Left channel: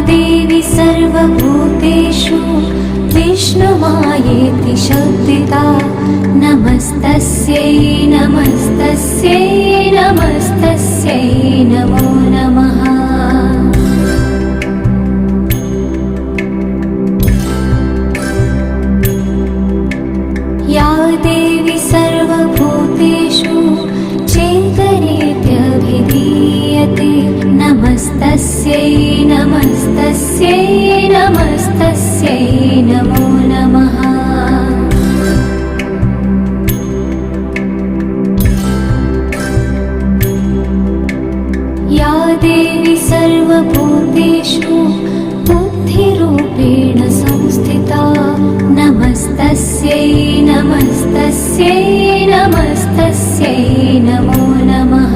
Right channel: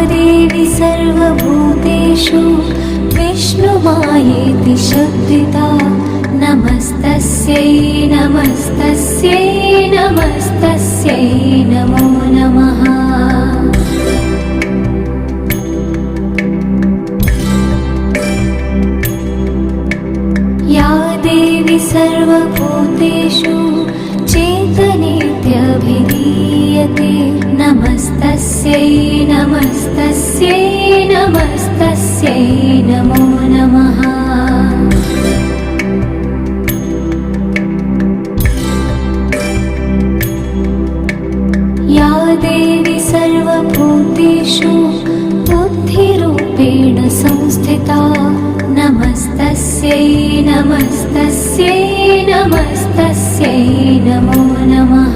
देवी सर्वभूतेषु विष्णुमायेति शुद्धिता नमस्तस्यै नमस्तस्यै नमस्तस्यै नमो नमः। या देवी सर्वभूतेषु चेतनेत्यभिधीयते नमस्तस्यै नमस्तस्यै नमस्तस्यै नमो नमः। या देवी सर्वभूतेषु बुद्धिरूपेण संस्थिता नमस्तस्यै नमस्तस्यै नमस्तस्यै नमो नमः।